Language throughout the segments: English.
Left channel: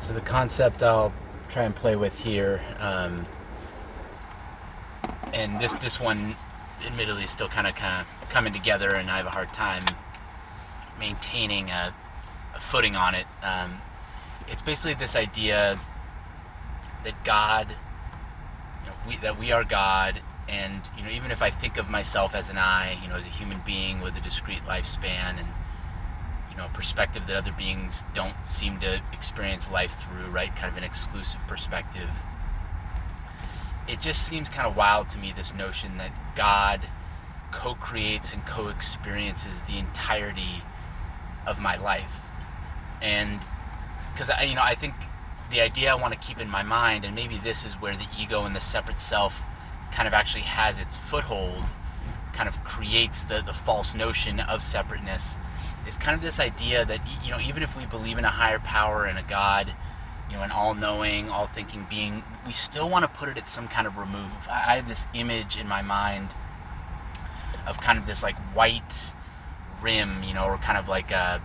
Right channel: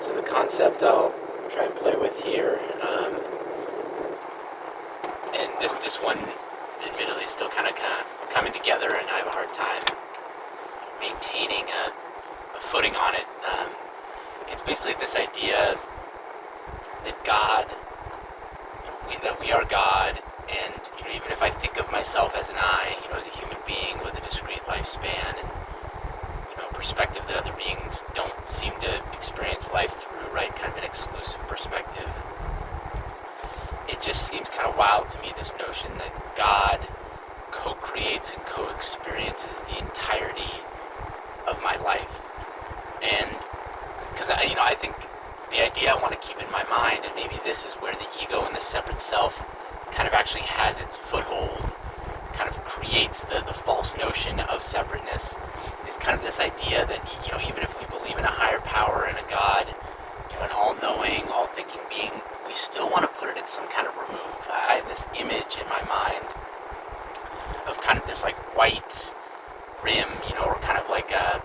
So the concept I'll try and play with here, and this one, admittedly, is still kind of coming together, and I have a hard time maintaining a footing on it. It's basically this idea that God, that we are God, and even if I think of myself as an I, as a human being with a discrete lifespan and perspective that other beings don't seem to experience life through, right? Kind of an exclusive perspective. It just seems kind of wild to me, this notion that God co-creates and co-experiences the entirety of my life. And because I think the idea I want to keep in my mind, and maybe this is where the ego and the separate self kind of actually has its foothold, kind of creates the false notion of separateness, is kind of this idea that even if we believe in a higher power and a God, an all-knowing, all-thinking being, we still want to put it at some kind of remove. I have this image in my mind of kind of this like white rim, or kind of like a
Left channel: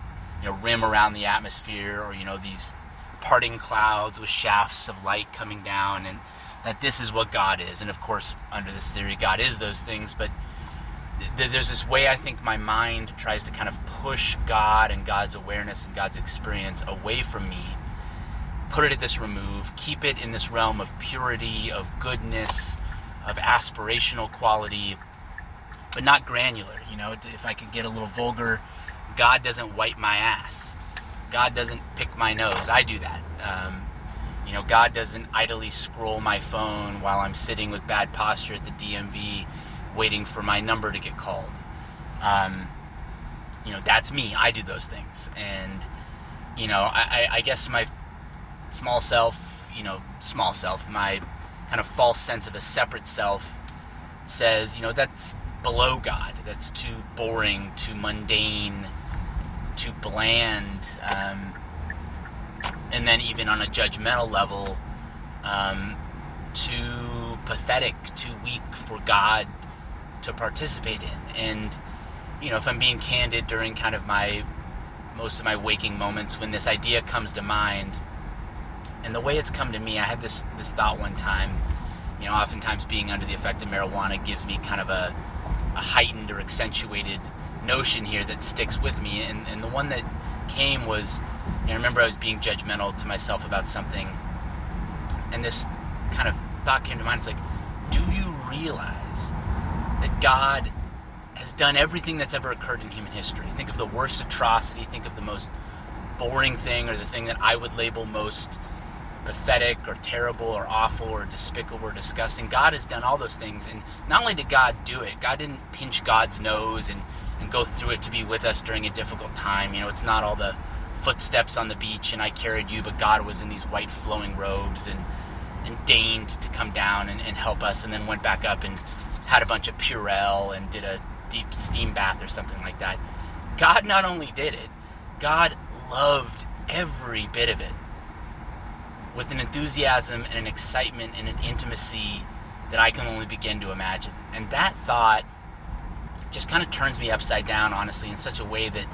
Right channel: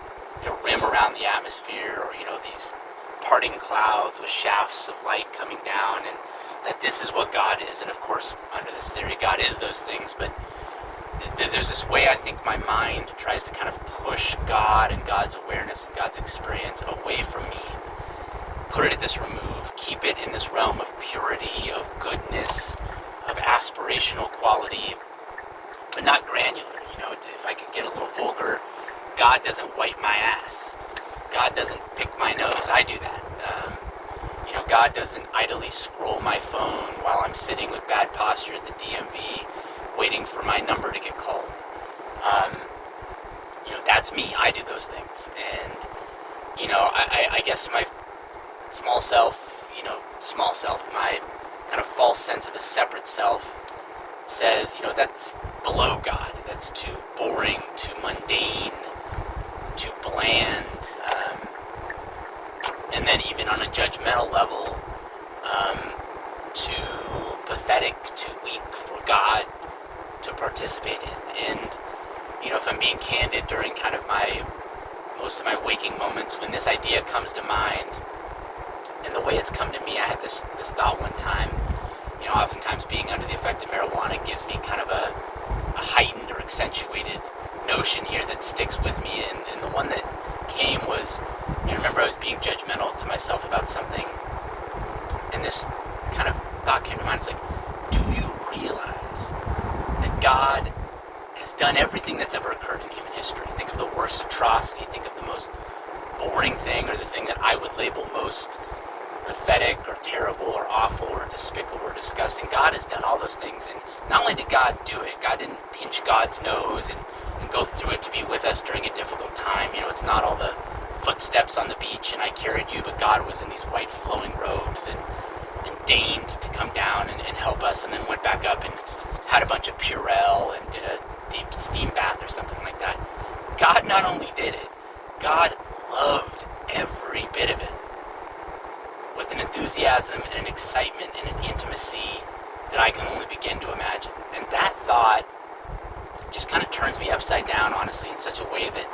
rim around the atmosphere, or these parting clouds with shafts of light coming down, and that this is what God is. And of course, under this theory, God is those things, but there's this way I think my mind tries to kind of push God and God's awareness and God's experience away from me, put it at this remove, keep it in this realm of purity, of goodness, of aspirational quality, but not granular. If I could get a little vulgar, God doesn't wipe my ass. God doesn't pick my nose. I do that. God doesn't idly scroll my phone while I'm sitting with bad posture at the DMV waiting for my number to get called. That's me. I do those things. And, I guess my small self, my kind of false sense of a separate self says, that's below God. That's too boring, too mundane, too bland. And then even on a judgmental level, too pathetic, too weak for God to participate in. And if I'm being candid, during kind of most of my waking moments, when this idea comes to mind, and the way it's come to me, I had this thought one time. Oftentimes being under the effect of marijuana gives me kind of a heightened or accentuated notion here that sticks with me, and the one that came was, I remember I was being judgmental to myself about something, and this kind of thought came to mind. It's like, do you realize that God has done everything that's ever occurred in human history? Think of the worst atrocity, think of the most boring thing, or the thing that I would label most pathetic or terrible or awful or despicable or disgusting. God has done all those things, and not only did God do it, God didn't pinch God's nose and go through it to be with us during a difficult time. It's not all the footsteps on the beach and I carried you, but God was in these white flowing robes and deigned to come down and help us, and then went back up and had a bunch of Purell and did a deep steam bath or something like that. God not only did it, God loved every bit of it with an enthusiasm and an excitement and an intimacy that I can only begin to imagine. And that thought just kind of turns me upside down, honestly, in such a way that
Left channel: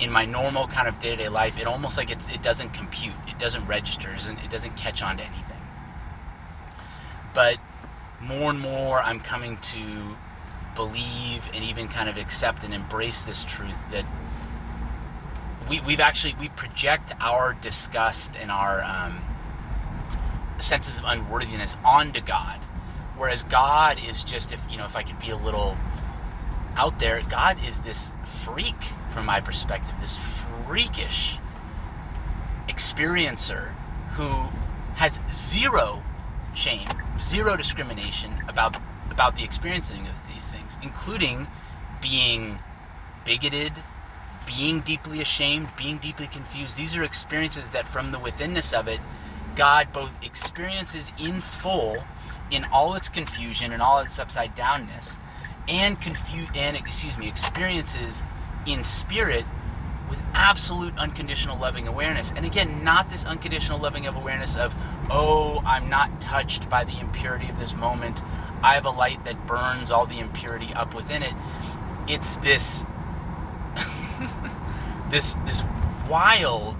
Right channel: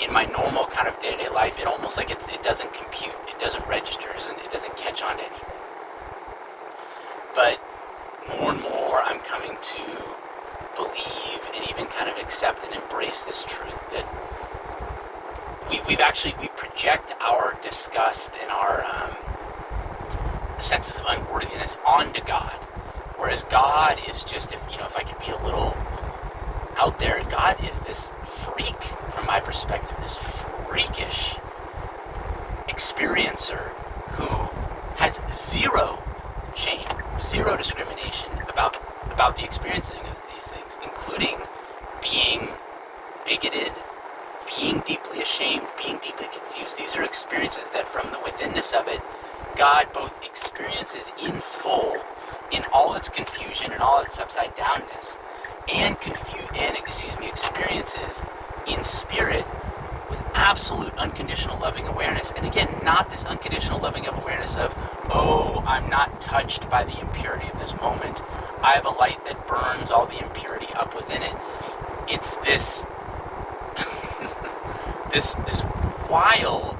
in my normal kind of day-to-day life, it almost like it doesn't compute, it doesn't register, it doesn't catch on to anything. But more and more I'm coming to believe and even kind of accept and embrace this truth that we project our disgust and our senses of unworthiness onto God, whereas God is just, if I could be a little out there, God is this freak, from my perspective, this freakish experiencer who has zero shame, zero discrimination about the experiencing of these things, including being bigoted, being deeply ashamed, being deeply confused. These are experiences that, from the withinness of it, God both experiences in full, in all its confusion and all its upside downness, and experiences in spirit with absolute unconditional loving awareness. And again, not this unconditional loving of awareness of, oh, I'm not touched by the impurity of this moment. I have a light that burns all the impurity up within it. It's this this wild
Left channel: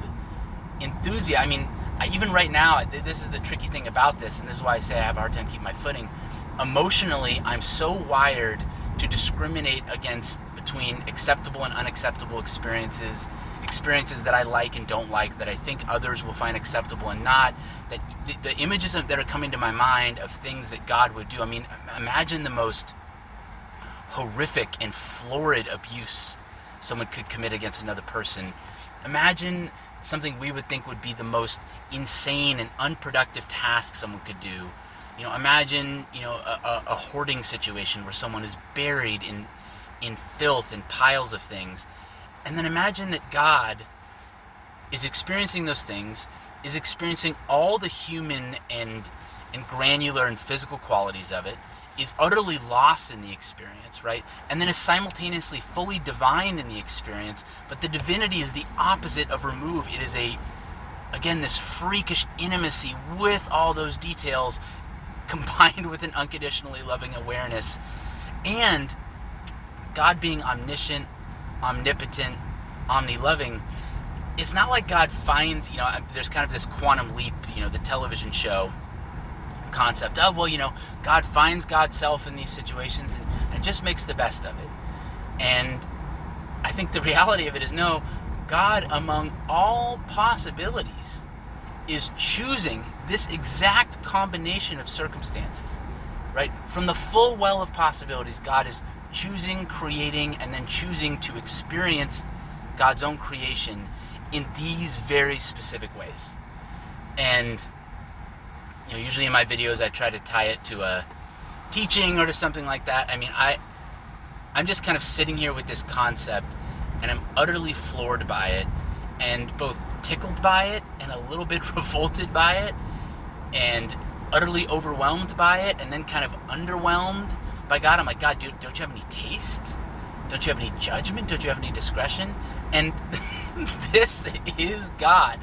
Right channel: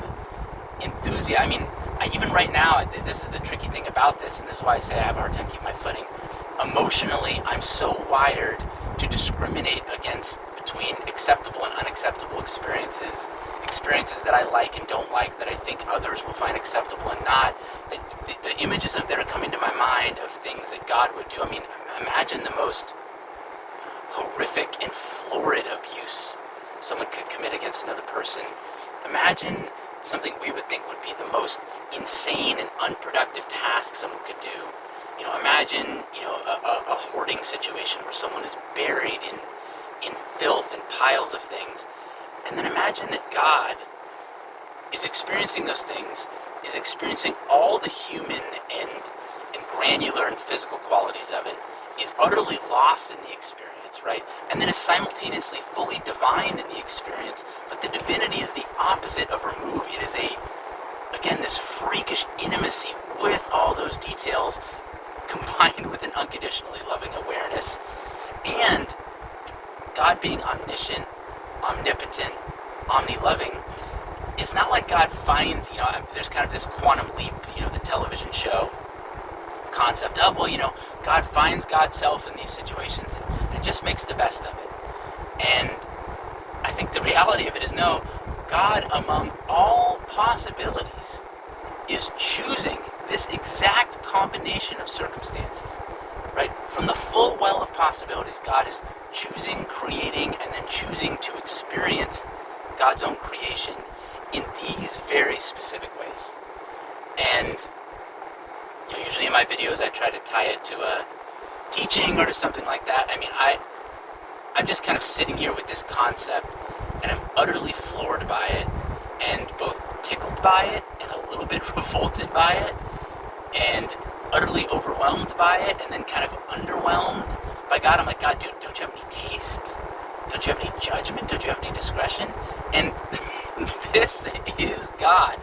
enthusiasm. I mean, even right now, this is the tricky thing about this, and this is why I say I have a hard time keeping my footing. Emotionally, I'm so wired to discriminate between acceptable and unacceptable experiences that I like and don't like, that I think others will find acceptable and not. That the images that are coming to my mind of things that God would do. I mean, imagine the most horrific and florid abuse someone could commit against another person. Imagine something we would think would be the most insane and unproductive task someone could do. Imagine, a hoarding situation where someone is buried in filth and piles of things. And then imagine that God is experiencing those things, is experiencing all the human and granular and physical qualities of it, is utterly lost in the experience, right? And then is simultaneously fully divine in the experience, but the divinity is the opposite of remove. It is again, this freakish intimacy with all those details combined with an unconditionally loving awareness. And God being omniscient, omnipotent, omni-loving, it's not like God finds, there's kind of this quantum leap, the television show concept of, God finds God's self in these situations and just makes the best of it. And I think the reality of it is, no, God, among all possibilities, is choosing this exact combination of circumstances, right? From the full well of possibilities, God is choosing, creating, and then choosing to experience God's own creation in these very specific ways. And usually in my videos I try to tie it to a teaching or to something like that. I mean, I'm just kind of sitting here with this concept, and I'm utterly floored by it, and both tickled by it and a little bit revolted by it, and utterly overwhelmed by it, and then kind of underwhelmed by God. I'm like, God, dude, don't you have any taste? Don't you have any judgment? Don't you have any discretion? And this is God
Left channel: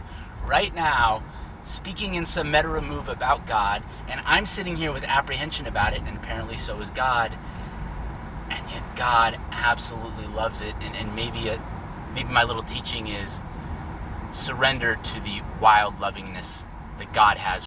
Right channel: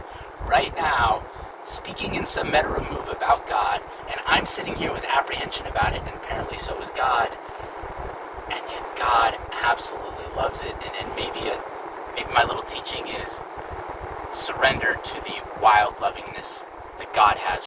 right now speaking in some meta remove about God, and I'm sitting here with apprehension about it, and apparently so is God. And yet God absolutely loves it. And maybe my little teaching is surrender to the wild lovingness that God has